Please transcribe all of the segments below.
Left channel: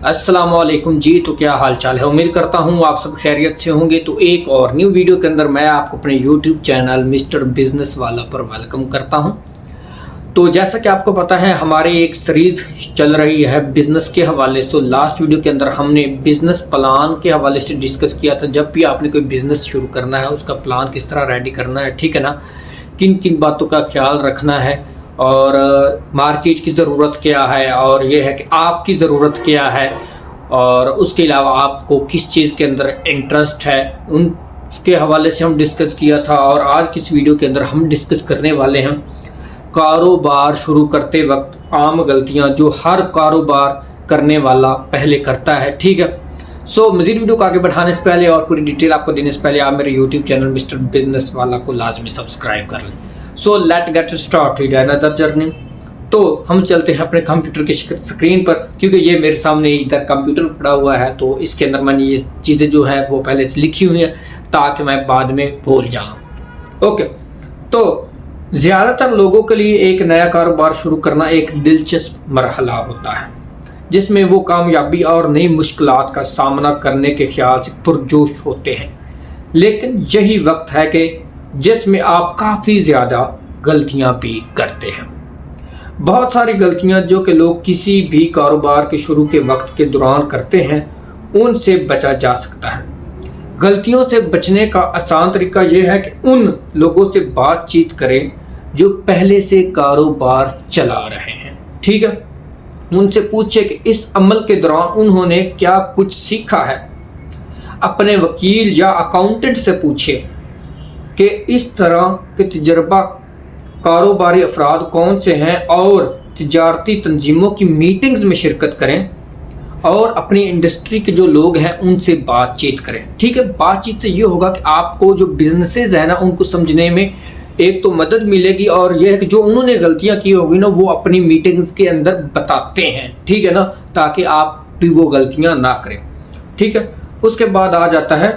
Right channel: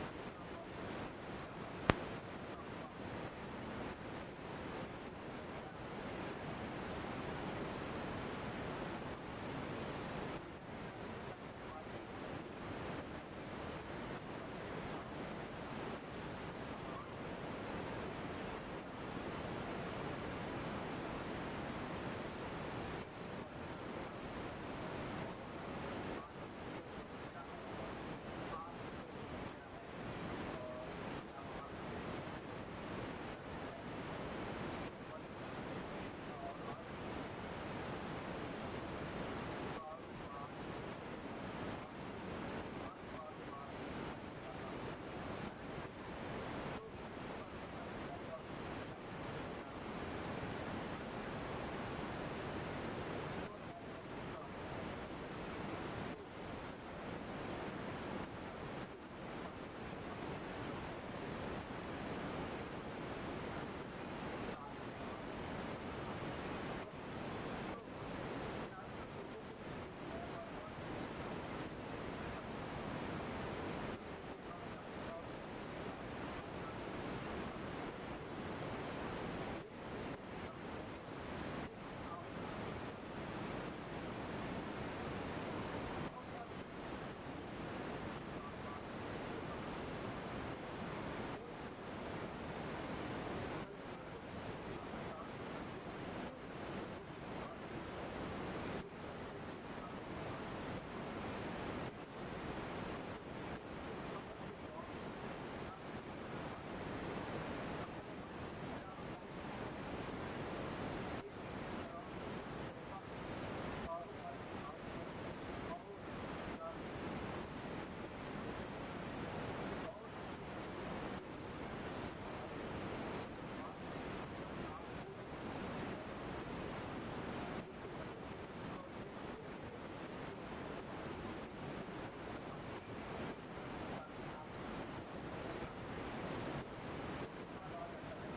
अस्सलाम वालेकुम जी। तो क्या हाल चाल है? उम्मीद करता हूँ आप सब खैरियत से होंगे। तो एक और न्यू वीडियो के अंदर मैं आपको अपने यूट्यूब चैनल मिस्टर बिज़नेस वाला पर वेलकम करता हूँ। तो जैसा कि आपको पता है हमारी एक सीरीज़ चल रही है बिज़नेस के हवाले से। लास्ट वीडियो के अंदर हमने बिज़नेस प्लान के हवाले से डिस्कस किया था। जब भी आपने कोई बिज़नेस शुरू करना है उसका प्लान किस तरह रेडी करना है, ठीक है ना, किन किन बातों का ख्याल रखना है और मार्केट की ज़रूरत क्या है और ये है कि आपकी ज़रूरत क्या है और उसके अलावा आपको किस चीज़ के अंदर इंटरेस्ट है, उसके हवाले से हम डिस्कस किया था। और आज की इस वीडियो के अंदर हम डिस्कस करने वाले हैं कारोबार शुरू करते वक्त आम गलतियां जो हर कारोबार करने वाला पहले करता है, ठीक है। सो मज़ीद वीडियो को आगे बढ़ाने से पहले और पूरी डिटेल आपको देने से पहले आप मेरे यूट्यूब चैनल मिस्टर बिज़नेस वाला को लाजमी सब्सक्राइब कर लें। So let get start with another journey. तो हम चलते हैं अपने कंप्यूटर की स्क्रीन पर, क्योंकि ये मेरे सामने इधर कंप्यूटर पड़ा हुआ है तो इसके अंदर मैंने ये चीज़ें जो हैं वो पहले से लिखी हुई हैं ताकि मैं बाद में भूल जाऊँ। ओके, तो ज़्यादातर लोगों के लिए एक नया कारोबार शुरू करना एक दिलचस्प मरहला होता है जिसमें वो कामयाबी और नई मुश्किलात का सामना करने के ख्याल से पुरजोश होते हैं। लेकिन यही वक्त है कि जिसमें आप काफ़ी ज़्यादा गलतियां भी करते हैं। बहुत सारी गलतियां जो कि लोग किसी भी कारोबार के शुरू के वक्त के दौरान करते हैं उनसे बचा जा सकता है। गलतियों से बचने का आसान तरीका यह है कि उन लोगों से बातचीत करें जो पहले से कारोबार चला रहे हैं, ठीक है। उनसे पूछे कि इस अमल के दौरान उन्होंने क्या कुछ सीखा है। अपने वकील या अकाउंटेंट से पूछे कि इस तरह के तजर्बा कारोबारी अफराद कौन से हैं और तिजारती तंजीमों की मीटिंग्स में शिरकत करें और अपनी इंडस्ट्री के जो लोग हैं उनसे बातचीत करें, ठीक है। बातचीत से ये होगा कि आपको जो बिजनेसेस हैं ना उनको समझने में एक तो मदद मिलेगी और यह है कि जो उन्होंने गलतियां की होगी ना वो अपनी मीटिंग्स के अंदर बताते हैं, ठीक है ना, ताकि आप भी वो गलतियां ना करें, ठीक है। उसके बाद आ जाता है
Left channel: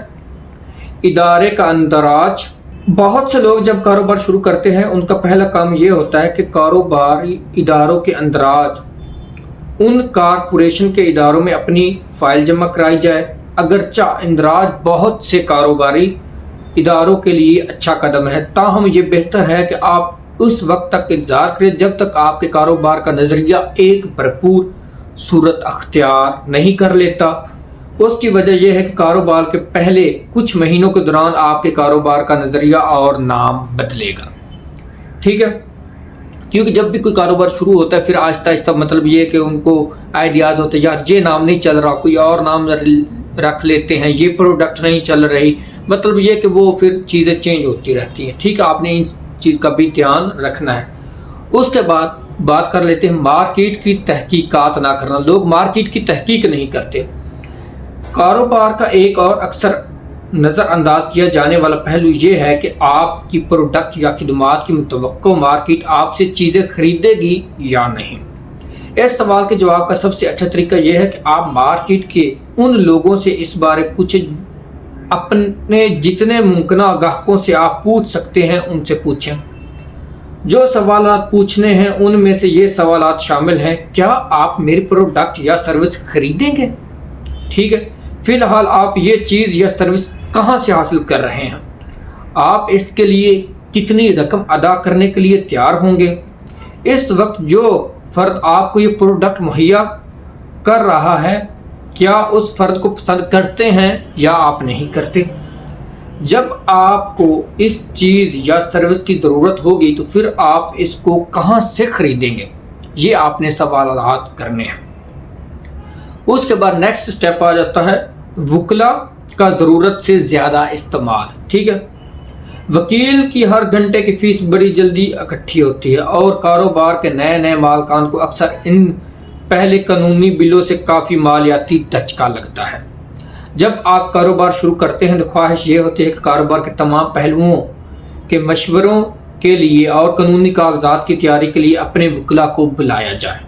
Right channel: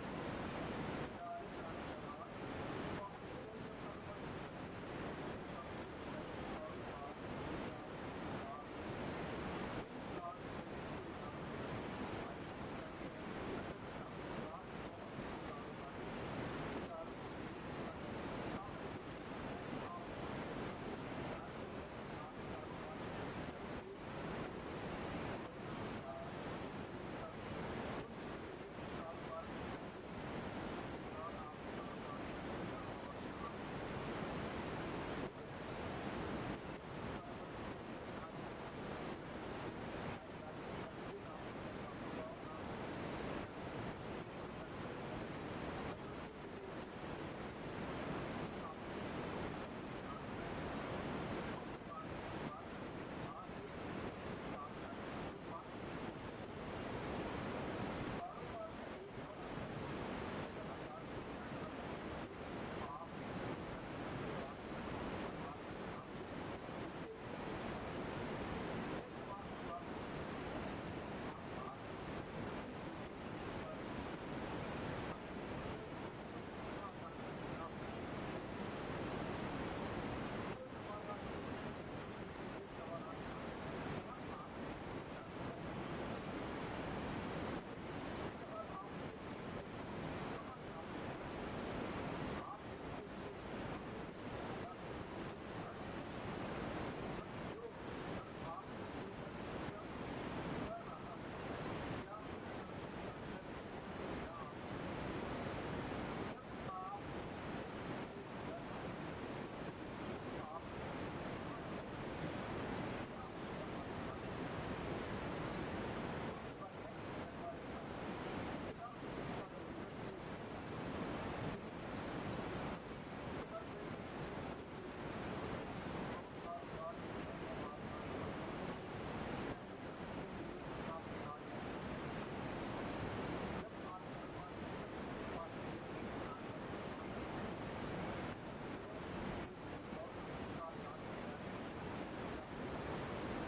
इदारे का अंदराज। बहुत से लोग जब कारोबार शुरू करते हैं उनका पहला काम ये होता है कि कारोबारी इदारों के अंदराज उन कारपोरेशन के इदारों में अपनी फ़ाइल जमा कराई जाए। अगरचा इंदराज बहुत से कारोबारी इदारों के लिए अच्छा कदम है, ताहम ये बेहतर है कि आप उस वक्त तक इंतज़ार करें जब तक आपके कारोबार का नज़रिया एक भरपूर सूरत अख्तियार नहीं कर लेता। उसकी वजह यह है कि कारोबार के पहले कुछ महीनों के दौरान आपके कारोबार का नज़रिया और नाम बदलेगा, ठीक है। क्योंकि जब भी कोई कारोबार शुरू होता है फिर आहिस्ता आहिस्ता मतलब ये है कि उनको आइडियाज़ होते हैं, यार ये नाम नहीं चल रहा, कोई और नाम रख लेते हैं, ये प्रोडक्ट नहीं चल रही, मतलब ये कि वो फिर चीज़ें चेंज होती रहती हैं, ठीक है। आपने इन चीज़ का भी ध्यान रखना है। उसके बाद बात कर लेते हैं मार्केट की तहकीकात ना करना। लोग मार्केट की तहकीक नहीं करते। कारोबार का एक और अक्सर नज़रअंदाज किया जाने वाला पहलू ये है कि आपकी प्रोडक्ट या खिदमात की मुतवक्को मार्केट आपसे चीज़ें खरीदेगी या नहीं। इस सवाल के जवाब का सबसे अच्छा तरीका यह है कि आप मार्केट के उन लोगों से इस बारे पूछें, अपने जितने मुमकिन ग्राहकों से आप पूछ सकते हैं उनसे पूछें। जो सवालात पूछने हैं उनमें से ये सवालात शामिल हैं, क्या आप मेरी प्रोडक्ट या सर्विस खरीदेंगे, ठीक है। फ़िलहाल आप ये चीज़ या सर्विस कहाँ से हासिल कर रहे हैं, आप इसके लिए कितनी रकम अदा करने के लिए तैयार होंगे। इस वक्त जो फ़र्द आपको ये प्रोडक्ट मुहैया कर रहा है क्या उस फ़र्द को पसंद करते हैं या आप नहीं करते। जब आपको इस चीज़ या सर्विस की ज़रूरत होगी तो फिर आप इसको कहाँ से ख़रीदेंगे, ये आपने सवालात करने हैं। उसके बाद नेक्स्ट स्टेप आ जाता है वकला का ज़रूरत से ज़्यादा इस्तेमाल, ठीक है। वकील की हर घंटे की फ़ीस बड़ी जल्दी इकट्ठी होती है और कारोबार के नए नए मालकान को अक्सर इन पहले कानूनी बिलों से काफ़ी मालियाती धचका लगता है। जब आप कारोबार शुरू करते हैं तो ख्वाहिश ये होती है कि कारोबार के तमाम पहलुओं के मशवरों के लिए और कानूनी कागजात की तैयारी के लिए अपने वकला को बुलाया जाए।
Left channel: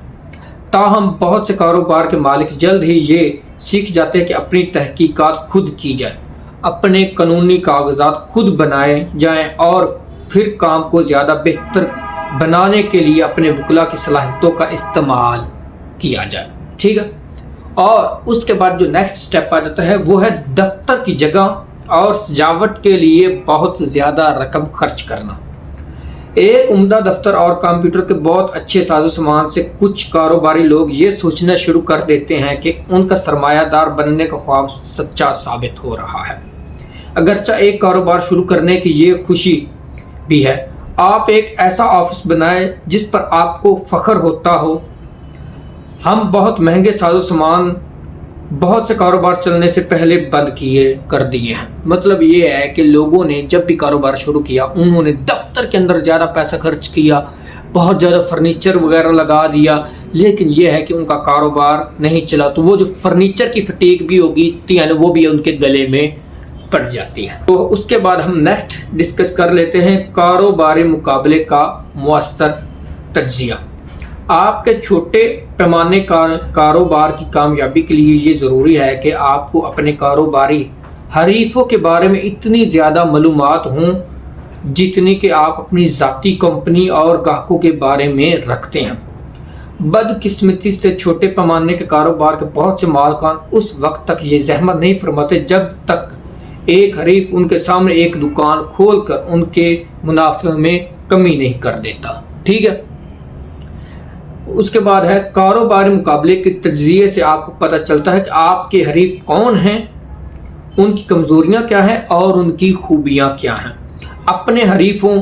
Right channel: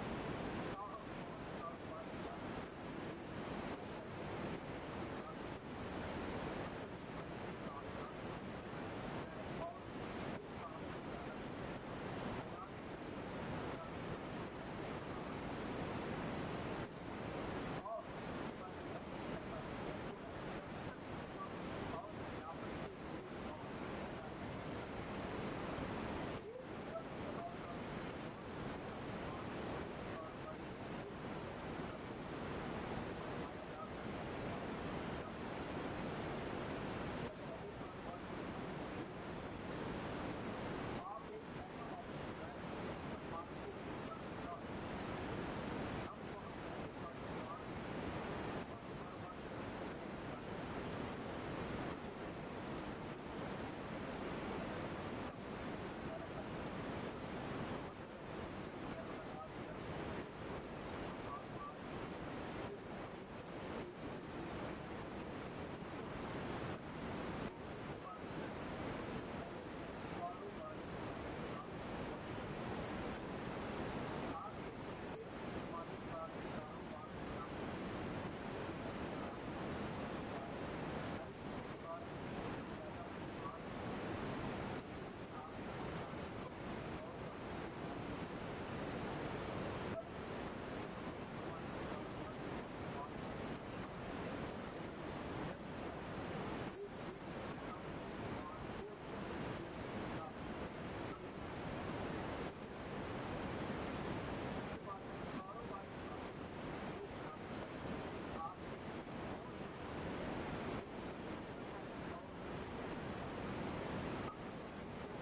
ताहम बहुत से कारोबार के मालिक जल्द ही ये सीख जाते हैं कि अपनी तहकीकात खुद की जाए, अपने कानूनी कागजात खुद बनाए जाएं और फिर काम को ज़्यादा बेहतर बनाने के लिए अपने वकला की सलाहियतों का इस्तेमाल किया जाए, ठीक है। और उसके बाद जो नेक्स्ट स्टेप आ जाता है वो है दफ्तर की जगह और सजावट के लिए बहुत ज़्यादा रकम खर्च करना। एक उम्दा दफ्तर और कंप्यूटर के बहुत अच्छे साजो सामान से कुछ कारोबारी लोग ये सोचना शुरू कर देते हैं कि उनका सरमायादार बनने का ख्वाब सच्चा साबित हो रहा है। अगरचा एक कारोबार शुरू करने की ये खुशी भी है। आप एक ऐसा ऑफिस बनाएं जिस पर आपको फ़ख्र होता हो। हम बहुत महंगे साजो सामान बहुत से कारोबार चलने से पहले बंद कर दिए हैं। मतलब ये है कि लोगों ने जब भी कारोबार शुरू किया उन्होंने दफ्तर के अंदर ज़्यादा पैसा खर्च किया, बहुत ज़्यादा फर्नीचर वगैरह लगा दिया, लेकिन ये है कि उनका कारोबार नहीं चला। तो वो जो फर्नीचर की फटीक भी होगी यानी वो भी उनके गले में पड़ जाती है। तो उसके बाद हम नेक्स्ट डिस्कस कर लेते हैं कारोबारी मुकाबले का मुअस्सर तज्जिया। आपके छोटे पैमाने कारोबार की कामयाबी के लिए ये ज़रूरी है कि आपको अपने कारोबारी हरीफों के बारे में इतनी ज़्यादा मालूमात हों जितनी कि आप अपनी ज़ाती कंपनी और ग्राहकों के बारे में रखते हैं। बदकिस्मती से छोटे पैमाने के कारोबार के बहुत से मालिकान उस वक्त तक ये जहमत नहीं फरमाते जब तक एक हरीफ उनके सामने एक दुकान खोलकर उनके मुनाफे में कमी नहीं कर देता। ठीक है। उसके बाद है कारोबारी मुकाबले के तज्जिए से आपको पता चलता है कि आपके हरीफ कौन हैं, उनकी कमज़ोरियां क्या हैं और उनकी खूबियां क्या हैं। अपने हरीफों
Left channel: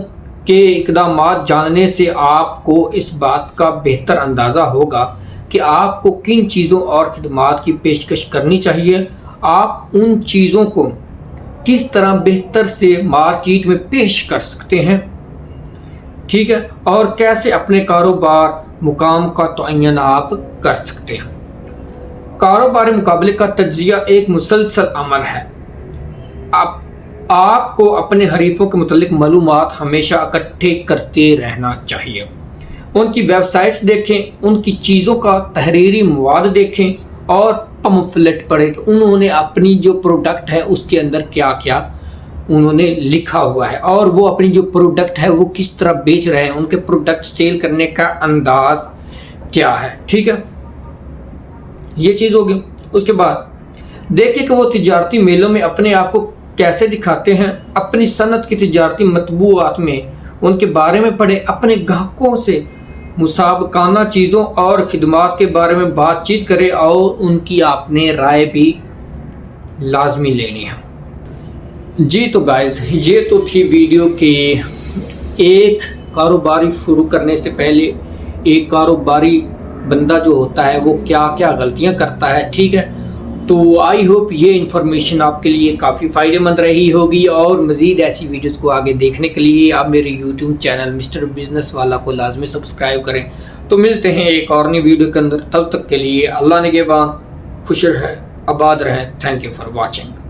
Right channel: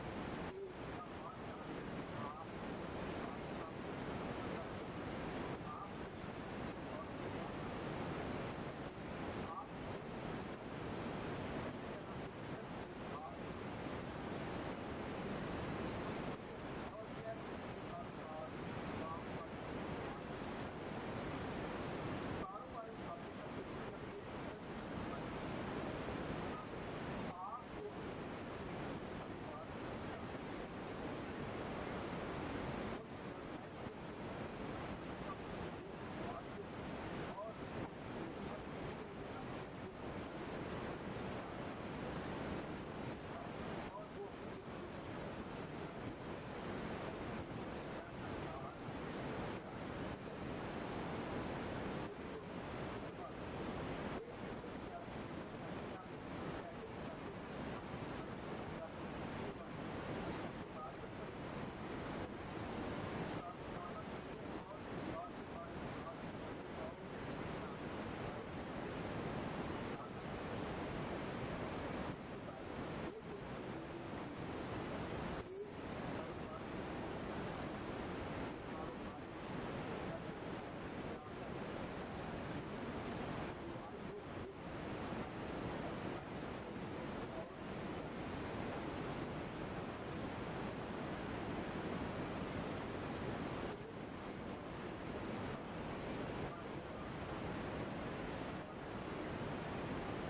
के इक़दामात जानने से आपको इस बात का बेहतर अंदाज़ा होगा कि आपको किन चीज़ों और खिदमात की पेशकश करनी चाहिए। आप उन चीज़ों को किस तरह बेहतर से मार्केट में पेश कर सकते हैं। ठीक है। और कैसे अपने कारोबार मुकाम का तयन आप कर सकते हैं। कारोबारी मुकाबले का तज्जिया एक मुसलसल अमल है। आपको अपने हरीफों के मुतल्लिक मालूमात हमेशा इकट्ठे करते रहना चाहिए। उनकी वेबसाइट्स देखें, उनकी चीज़ों का तहरीरी मवाद देखें और पम्फलेट पढ़ें कि उन्होंने अपनी जो प्रोडक्ट है उसके अंदर क्या क्या उन्होंने लिखा हुआ है और वो अपनी जो प्रोडक्ट है वो किस तरह बेच रहे हैं, उनके प्रोडक्ट सेल करने का अंदाज क्या है। ठीक है, ये चीज़ होगी। उसके बाद देखिए कि वो तिजारती मेलों में अपने आप को कैसे दिखाते हैं। अपनी सनत की तिजारती मतबूआत में उनके बारे में पढ़े। अपने ग्राहकों से मुसाबकाना चीज़ों और खिदमात के बारे में बातचीत करें और उनकी आपने राय भी लाजमी लेनी है। जी तो गाइस, ये तो थी वीडियो के एक कारोबारी शुरू करने से पहले एक कारोबारी बंदा जो होता है वो क्या क्या गलतियां करता है। ठीक है, तो आई होप ये इन्फॉर्मेशन आपके लिए काफ़ी फ़ायदेमंद रही होगी और मज़ीद ऐसी वीडियोस को आगे देखने के लिए आप मेरे यूट्यूब चैनल मिस्टर बिज़नेस वाला को लाजमी सब्सक्राइब करें। तो मिलते हैं एक और नई वीडियो के अंदर, तब तक के लिए अल्लाह निगहबान, खुश रहें, आबाद रहें। Thank you for watching.